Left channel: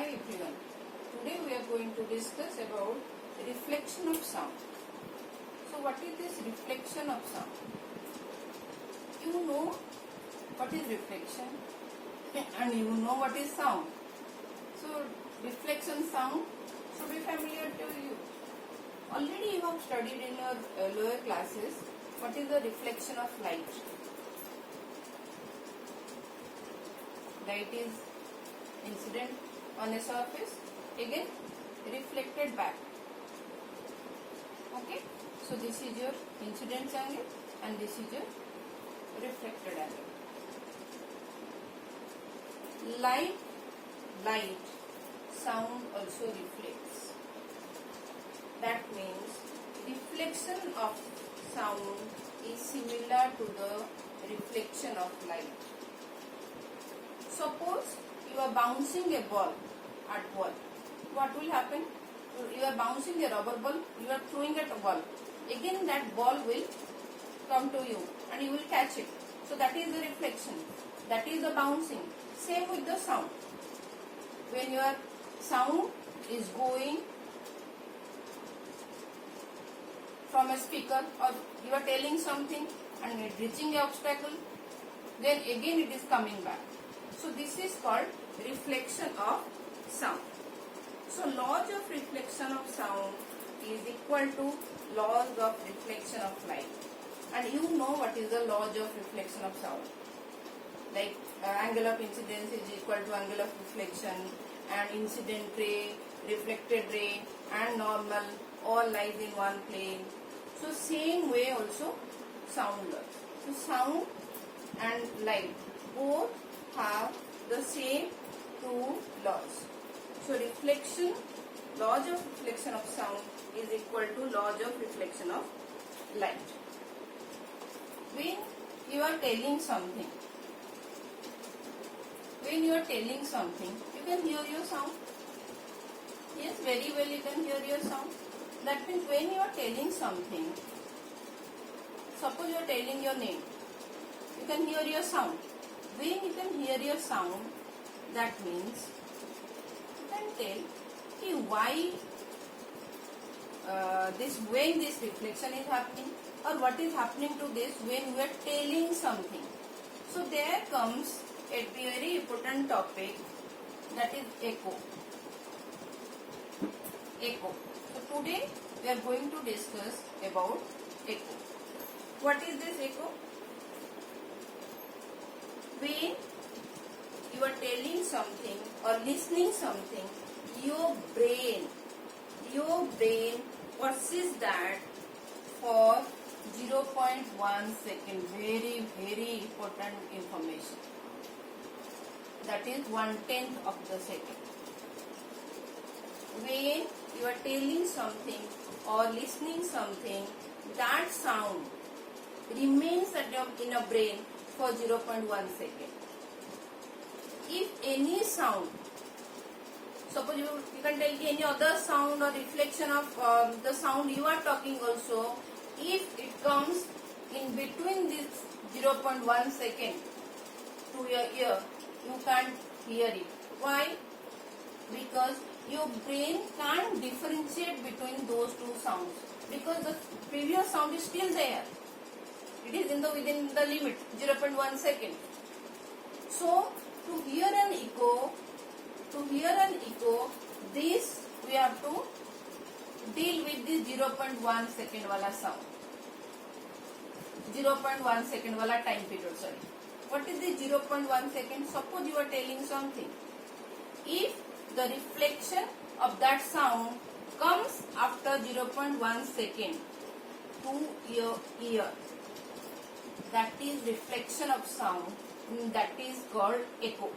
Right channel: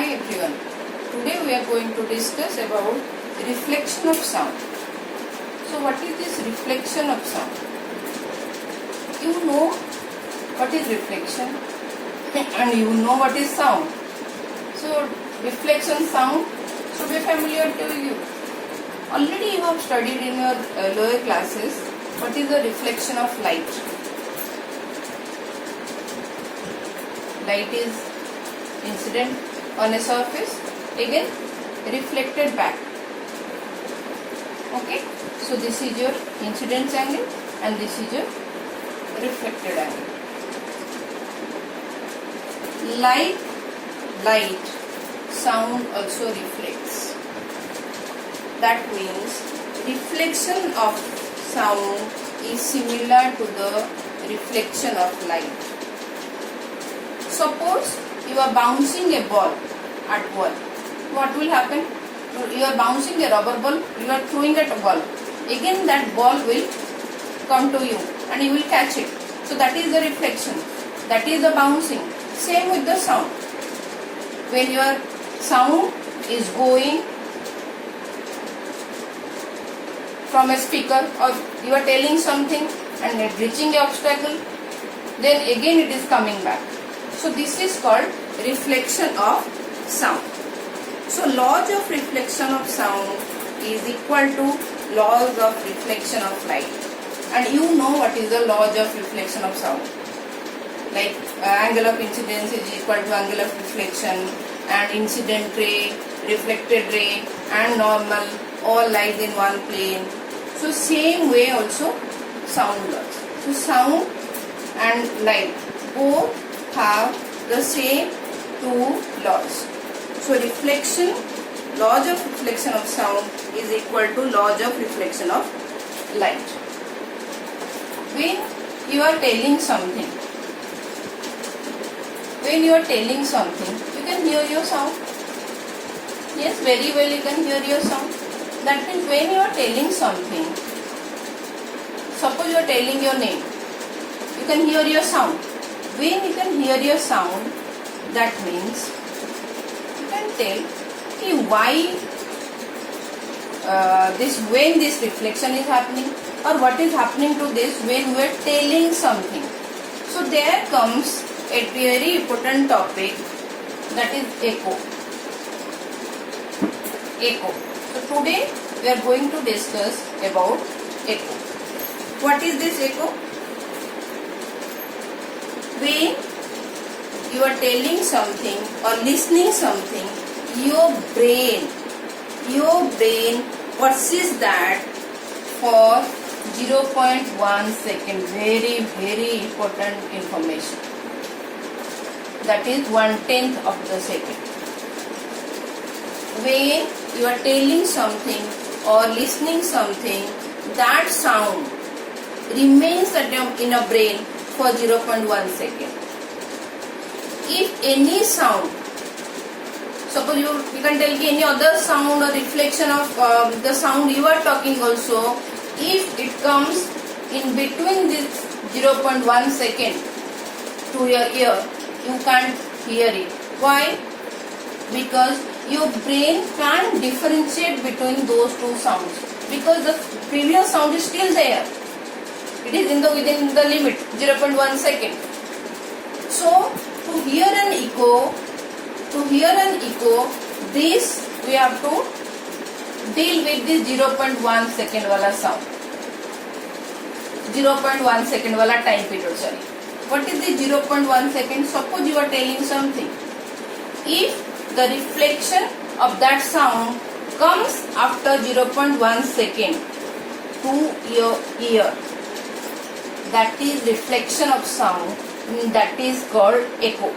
Hi everyone. Today we are going to discuss about reflection of sound. So what is this reflection of sound? You know what is reflection and you know what is sound. So reflection sound should be familiar to you. Already you have studied in your lower classes what is the reflection of light. Light is incident on a surface, again reflected back. Okay, so this is your incident angle and this is your reflected angle. Light, sound also reflects. That means reflection of sound is similar to the reflection of light. Suppose you are bouncing a ball at wall. What will happen? You are bouncing a rubber ball, you are throwing at a ball. Again that ball will come to you and you will catch it. So that is the reflection. That is the bouncing. Same with the sound. When your sound is going from a speaker or you are telling something and reaching an obstacle, then again it is coming back. So this is called reflection of sound. So laws of reflection of sound is equal to laws of reflection of light. And you know what is the laws of reflection of sound. Like angle of incidence is equal to angle of reflection, and incident ray, reflected ray and normal all lies in one plane. So same way also sound laws. So sound and light both have the same two laws. So reflection, laws of reflection of sound is equal to laws of reflection of light. When you are telling something, you can hear your sound. Yes, very well you can hear your sound. That means when you are telling something, suppose you are telling your name, you can hear your sound. When you can hear your sound, that means you can tell why when this reflection is happening or what is happening to this when we are telling something. So there comes a very important topic, that is echo. So today we are going to discuss about echo. What is this echo? When you are telling something or listening something, your brain perceives that for 0.1 second. Very, very important information. That is 1/10 of the second. When you are telling something or listening something, that sound remains in a brain for 0.1 second. If any sound, suppose you can tell any other sound or reflection of the sound you are talking also, if it comes in between this 0.1 second to your ear, you can't hear it. Why? Because your brain can't differentiate between those two sounds, because the previous sound is still there. It is within the limit 0.1 second. So to hear an echo, this we have to deal with this 0.1 second wala sound. 0.1 second wala time period. Sorry. What is the 0.1 second? Suppose you are telling something. If the reflection of that sound comes after 0.1 second to your ear, that is reflection of sound. That is called echo.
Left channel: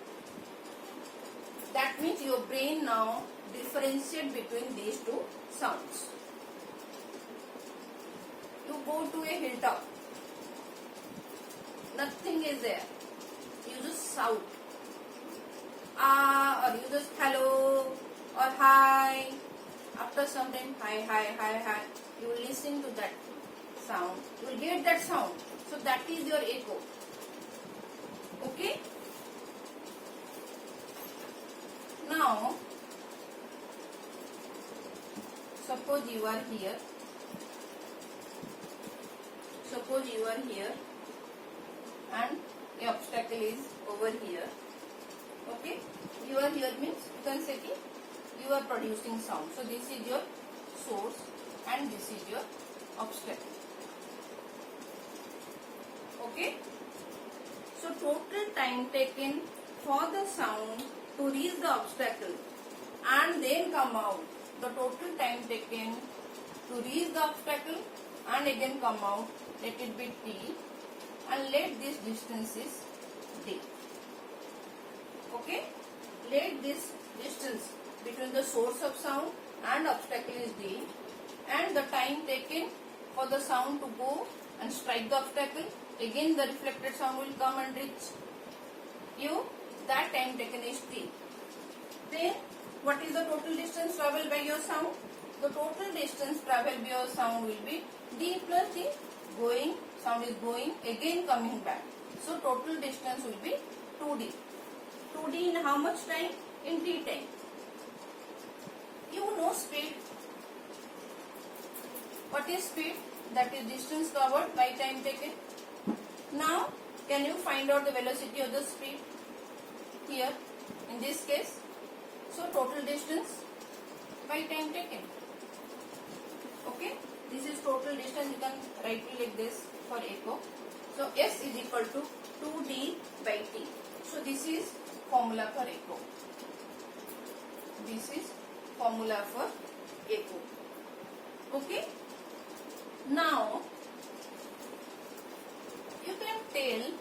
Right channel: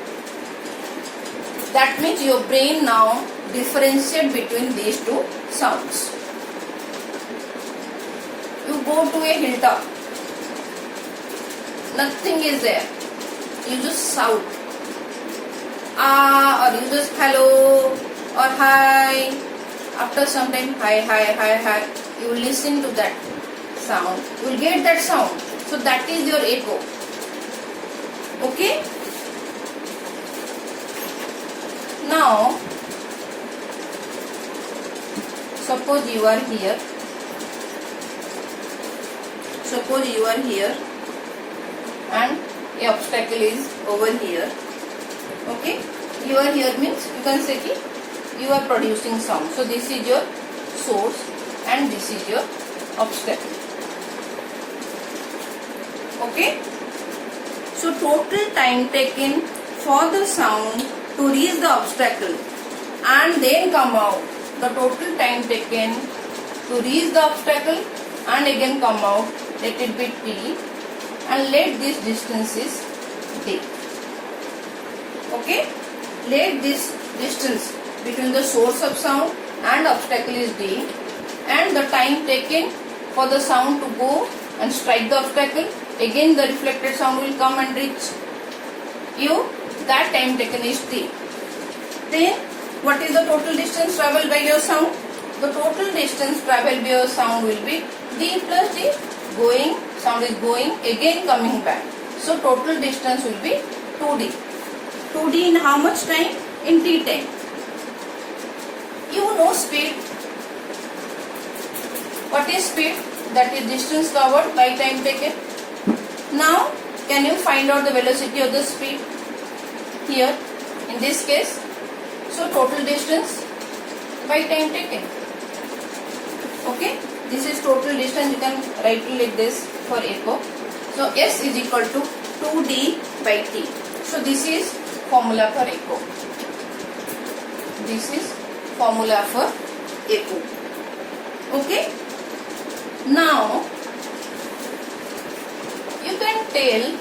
That means your brain now differentiates between these two sounds. You go to a hilltop, nothing is there. You just shout, or you just hello or hi. After some time, hi. You will listen to that sound. You will get that sound. So that is your echo. Okay. Now suppose you are here. Suppose you are here and a obstacle is over here. Okay, you are here means you can say ki you are producing sound. So this is your source and this is your obstacle. Okay, so total time taken for the sound to reach the obstacle and then come out. The total time taken to reach the obstacle and again come out, let it be t, and let this distance is d. Okay, let this distance between the source of sound and obstacle is d, and the time taken for the sound to go and strike the obstacle, again the reflected sound will come and reach you, that time taken is t. Then what is the total distance travelled by your sound? The total distance travelled by your sound will be d plus d. Going, sound is going, again coming back. So total distance will be 2d. 2d in how much time? In t time. You know speed. What is speed? That is distance covered by time taken. Now can you find out the velocity of the speed here in this case? So total distance by time taken. Okay, this is total distance. You can write it like this for echo. So S is equal to 2d by t. So this is formula for echo. This is formula for echo. Okay. Now you can tell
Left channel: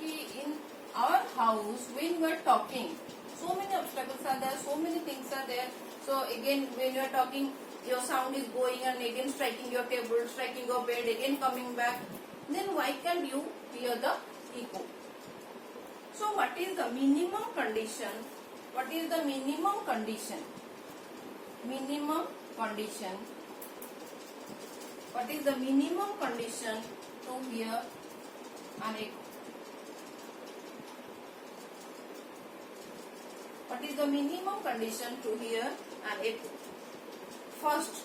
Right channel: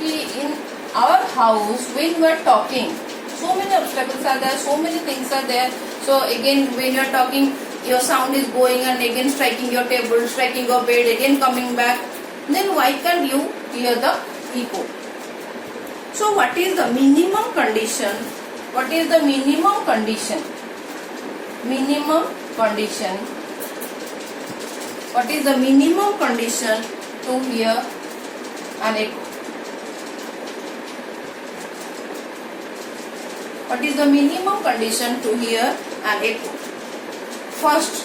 in our house when we are talking, so many obstacles are there, so many things are there. So again when you are talking, your sound is going and again striking your table, striking your bed, again coming back. Then why can't you hear the echo? So what is the minimum condition? What is the minimum condition? Minimum condition. What is the minimum condition to hear an echo? What is the minimum condition to hear an echo? First,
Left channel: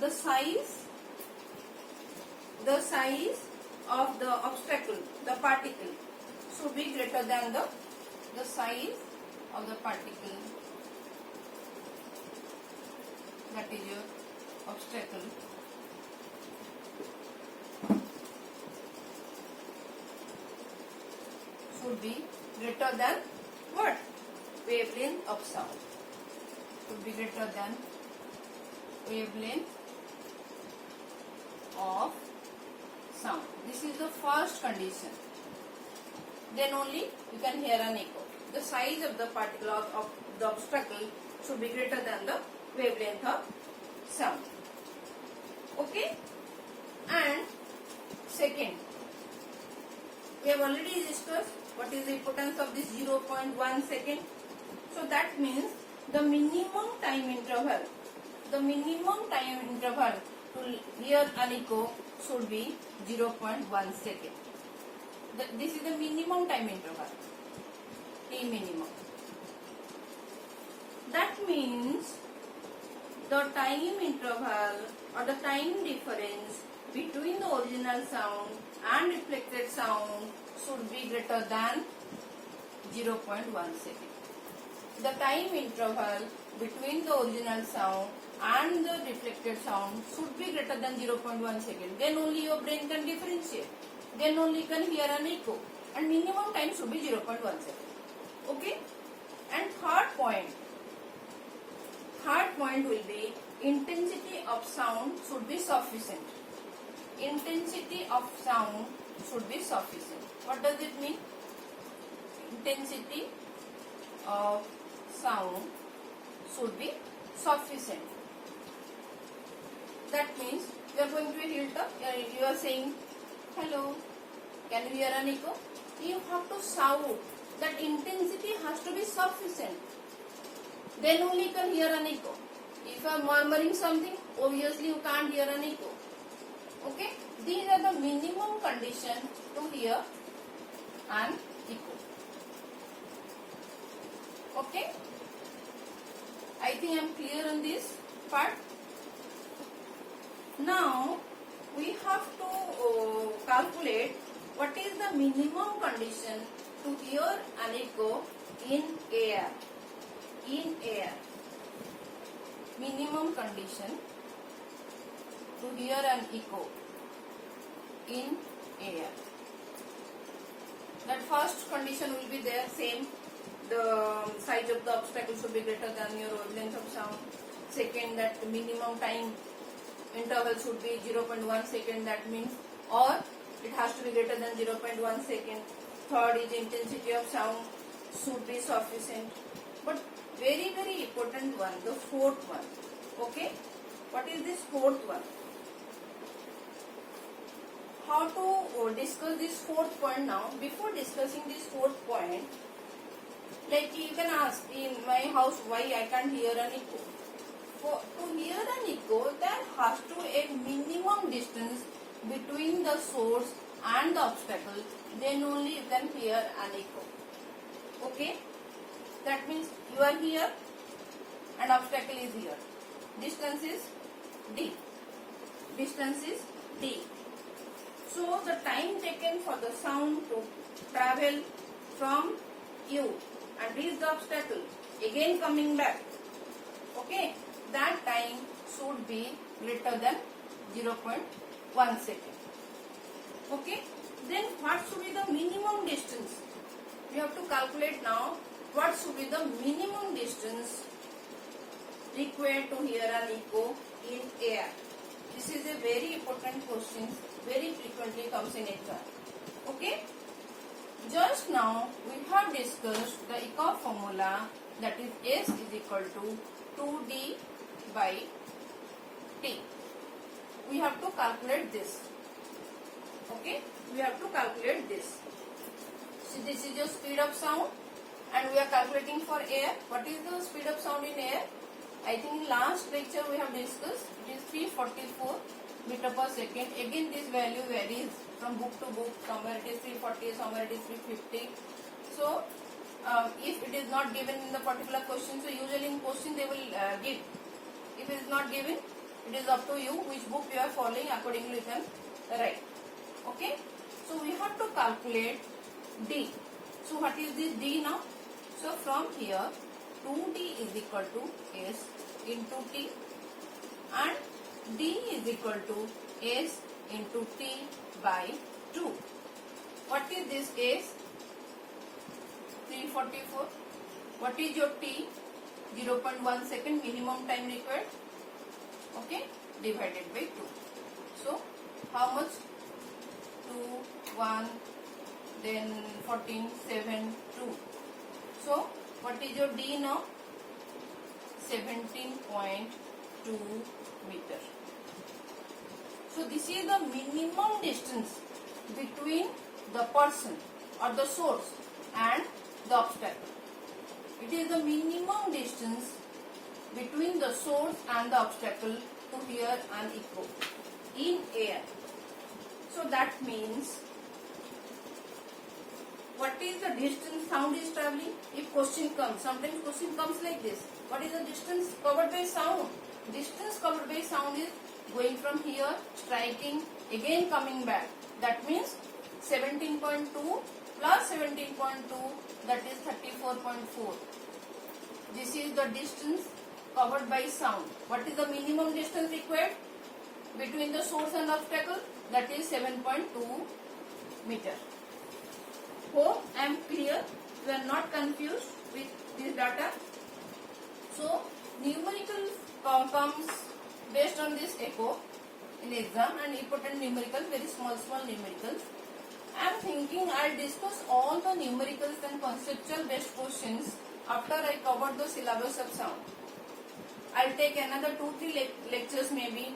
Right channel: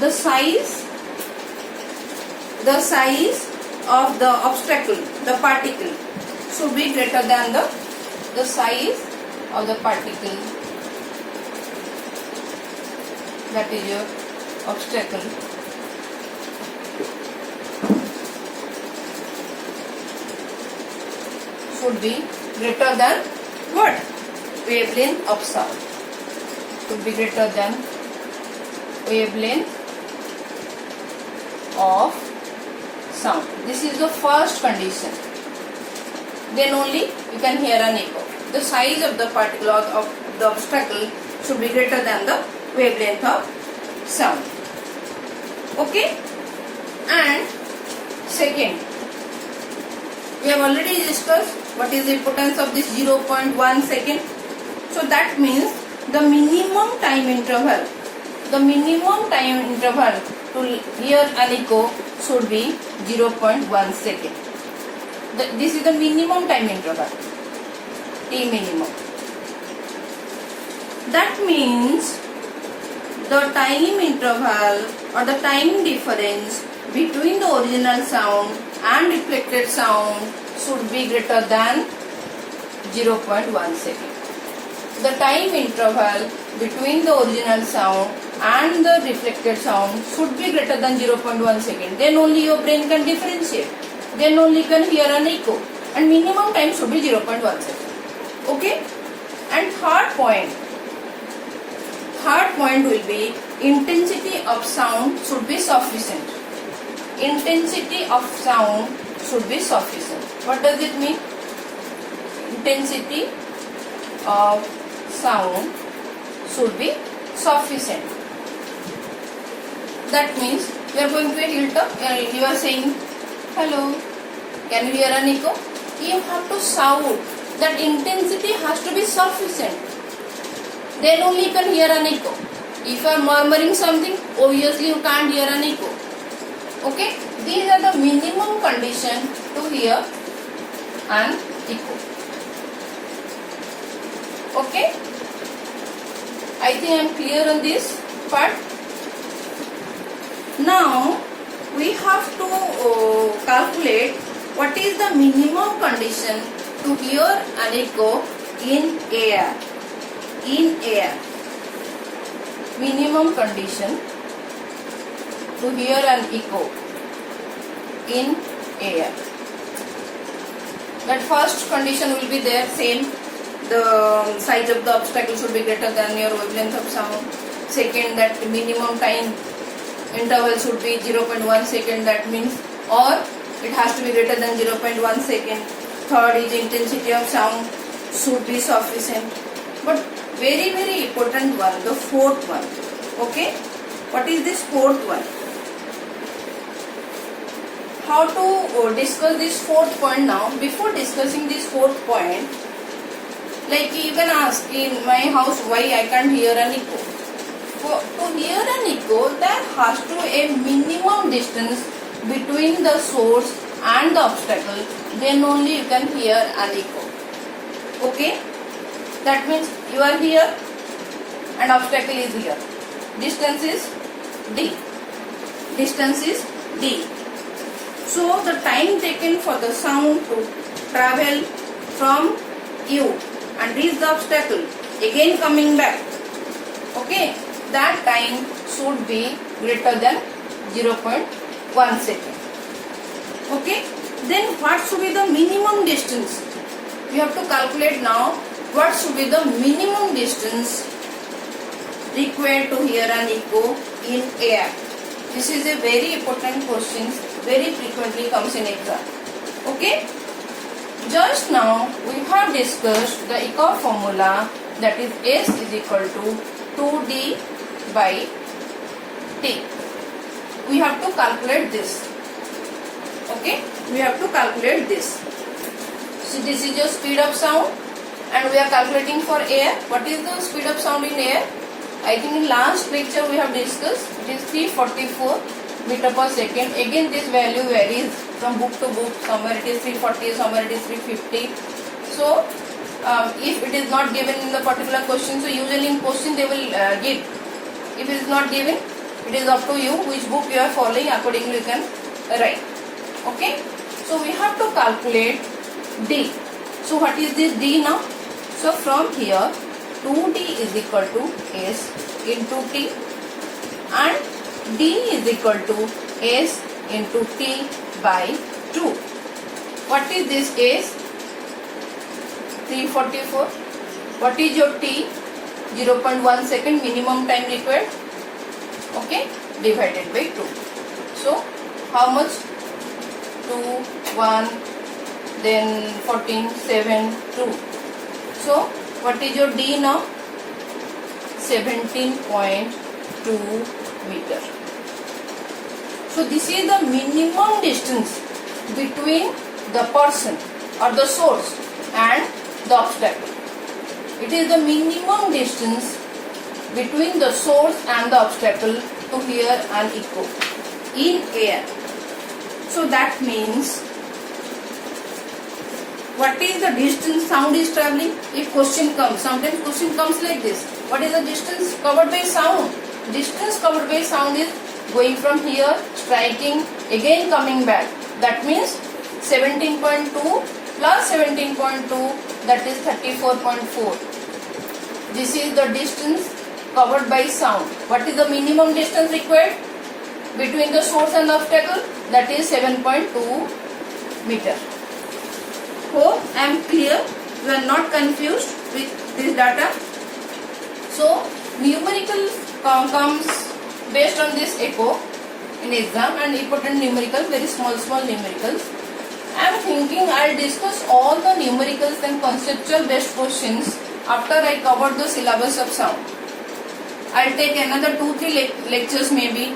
the size of the obstacle, the particle, should be greater than the size of the particle, that is your obstacle. Should be greater than what? Wavelength of sound. Should be greater than wavelength of sound. This is the first condition. Then only you can hear an echo. The size of the particle of the obstacle should be greater than the wavelength of sound. Okay? And second, we have already discussed what is the importance of this 0.1 second. So that means the minimum time interval to hear an echo should be 0.1 second. This is the minimum time interval, T minimum. That means the time interval or the time difference between the original sound and reflected sound should be greater than 0.1 second. The time interval between the original sound and the reflected sound should be greater than 0.1 second. Then only your brain can differentiate. Then only you can hear an echo. And minimum time should be 0.1 second. Okay? And third point will be intensity of sound should be sufficient. Intensity of sound should be sufficient. What does it mean? Intensity of sound should be sufficient. That means you are going to a hilltop and you are saying, hello, can you hear an echo? You have to shout. That intensity has to be sufficient. Then only you can hear an echo. If you are murmuring something, obviously you can't hear an echo. Okay? These are the minimum condition to hear an echo. Okay? I think I am clear on this part. Now we have to calculate what is the minimum condition to hear an echo in air. In air. Minimum condition to hear an echo in air. That first condition will be there, same. The size of the obstacle should be greater than your wavelength of sound. Second, that minimum time interval should be 0.1 second, that means, or it has to be greater than 0.1 second. Third is intensity of sound should be sufficient. But very important one, the fourth one. Okay, what is this fourth one? How to discuss this fourth point now? Before discussing this fourth point, like you can ask, in my house why I can't hear an echo. To hear an echo, there has to be a minimum distance between the source and the obstacle, then only you can hear an echo. Okay, that means you are here and obstacle is here. Distance is d. Distance is d. So the time taken for the sound to travel from you and reach the obstacle, again coming back, okay, that time should be greater than 0.1 second. Okay, then what should be the minimum distance? We have to calculate now what should be the minimum distance required to hear an echo in air. This is a very important question, very frequently comes in exam. Okay, just now we have discussed the echo formula, that is S is equal to 2D by T. We have to calculate this. Okay, we have to calculate this. So this is your speed of sound and we are calculating for air. What is the speed of sound in air? I think in last lecture we have discussed, it is 344 meter per second. Again this value varies from book to book. Somewhere it is 340, somewhere it is 350. So if it is not given in the particular question, so usually in question they will give. If it is not given, it is up to you which book you are following, accordingly you can write. Okay, so we have to calculate D. So what is this D now? So from here 2D is equal to S into T and D is equal to S into T by 2. What is this S? 344. What is your T? 0.1 second minimum time required. Okay, divided by 2. So how much? 2, 1, then 14, 7, 2. So what is your D now? 17.2 meter. So this is the minimum distance between the person or the source and the obstacle. It is the minimum distance between the source and the obstacle to hear an echo in air. So that means, what is the distance sound is traveling? If question comes, sometimes question comes like this. What is the distance covered by sound? Distance covered by sound is going from here, striking, again coming back. That means 17.2 plus 17.2, that is 34.4. This is the distance covered by sound. What is the minimum distance required between the source and the obstacle? That is 7.2 meter. Hope I am clear. You are not confused with this data. So numerical comes based on this echo in exam, and important numerical, very small numericals. I am thinking I will discuss all the numericals and conceptual based questions after I cover the syllabus of sound. I will take another 2-3 lectures maybe,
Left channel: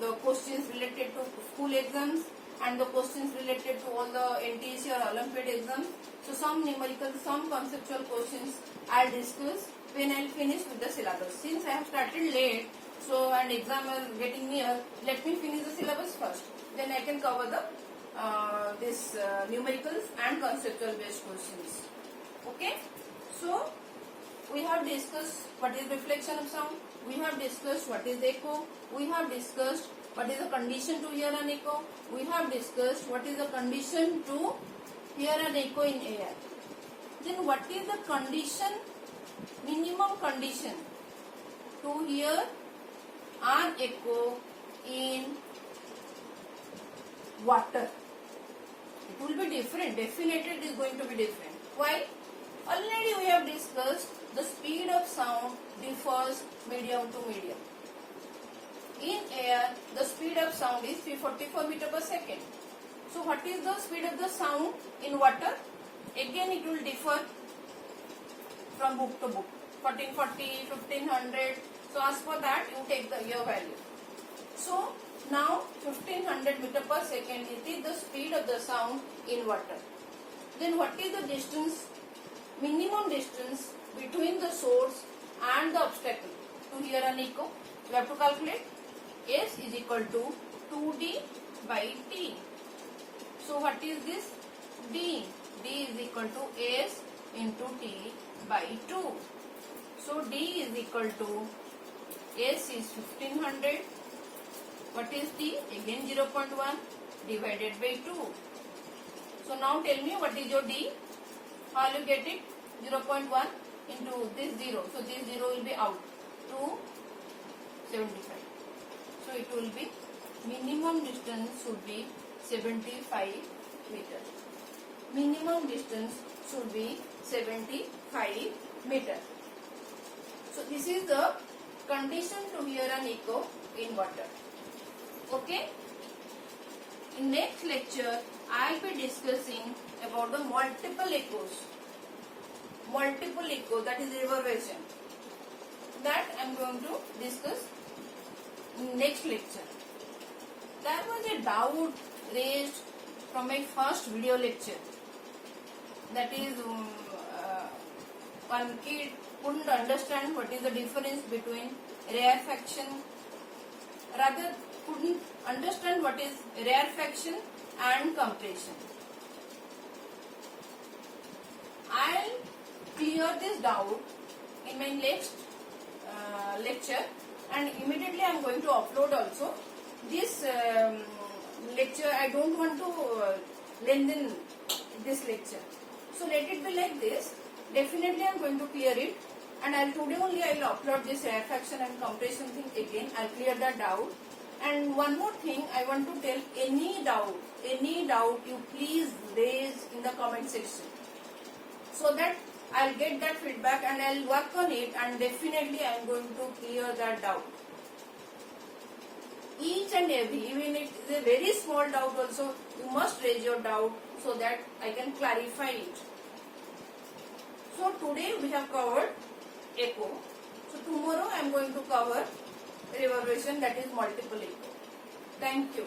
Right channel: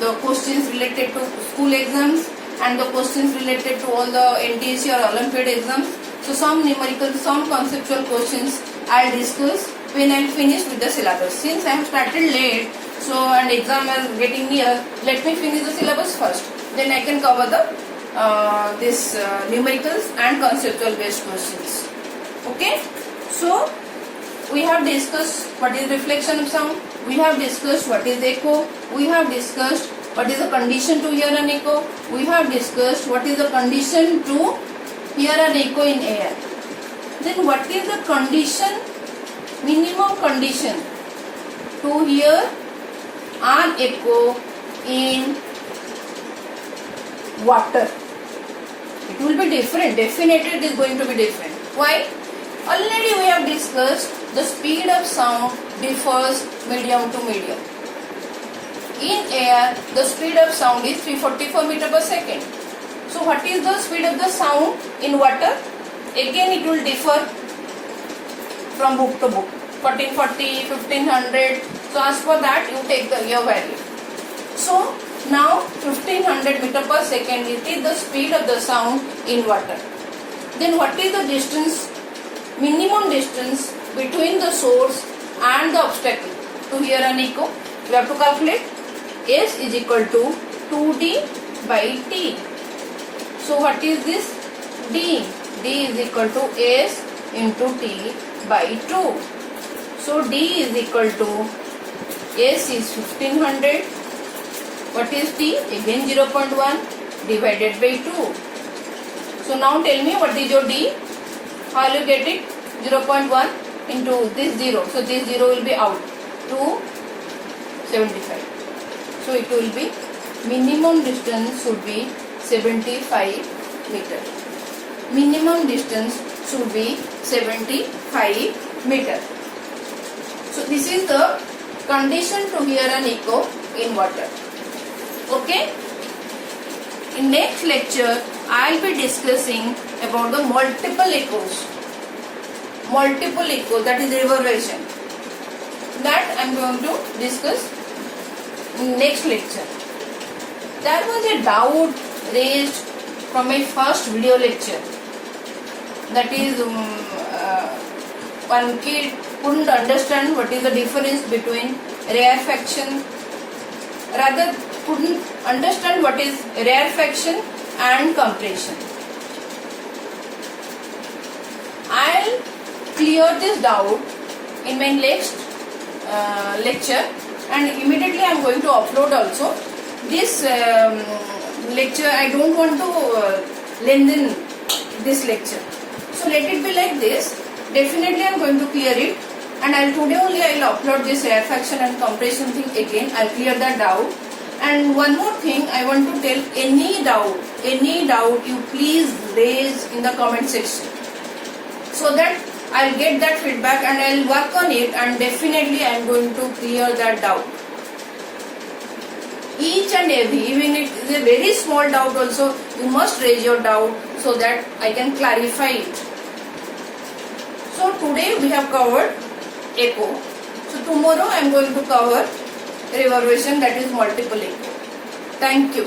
the questions related to school exams and the questions related to all the NTSC or Olympiad exams. So some numerical, some conceptual questions I will discuss when I am finished with the syllabus. Since I have started late, so and exam is getting near, let me finish the syllabus first. Then I can cover the numericals and conceptual based questions. Okay. So we have discussed what is reflection of sound, we have discussed what is echo, we have discussed what is the condition to hear an echo, we have discussed what is the condition to hear an echo in air. Then what is the condition, minimum condition to hear an echo in water? It will be different, definitely it is going to be different. Why? Already we have discussed the speed of sound differs medium to medium. In air, the speed of sound is 344 meter per second. So what is the speed of the sound in water? Again it will differ from book to book. 1440, 1500. So as for that you take your value. So now 1500 meter per second it is the speed of the sound in water. Then what is the distance, minimum distance between the source and the obstacle to hear an echo? We have to calculate. S is equal to 2D by T. So what is this? D. D is equal to S into T by 2. So D is equal to S is 1500. What is T? Again 0.1 divided by 2. So now tell me what is your D? How will you get it? 0.1 into this 0. So this 0 will be out. 275. So it will be minimum distance should be 75 meter. Minimum distance should be 75 meter. So this is the condition to hear an echo in water. Okay. In next lecture, I will be discussing about the multiple echoes. Multiple echoes, that is reverberation. That I am going to discuss in next lecture. There was a doubt raised from my first video lecture. That is, one kid couldn't understand what is the difference between rarefaction, rather couldn't understand what is rarefaction and compression. I'll clear this doubt in my next lecture, and immediately I am going to upload also. This lecture, I don't want to lengthen this lecture. So let it be like this. Definitely I am going to clear it, and today only I will upload this rarefaction and compression thing again. I will clear that doubt. And one more thing I want to tell, any doubt you please raise in the comment section, so that I will get that feedback and I will work on it, and definitely I am going to clear that doubt. Each and every, even if it is a very small doubt also, you must raise your doubt so that I can clarify it. So today we have covered echo. So tomorrow I am going to cover reverberation, that is multiple echo. Thank you.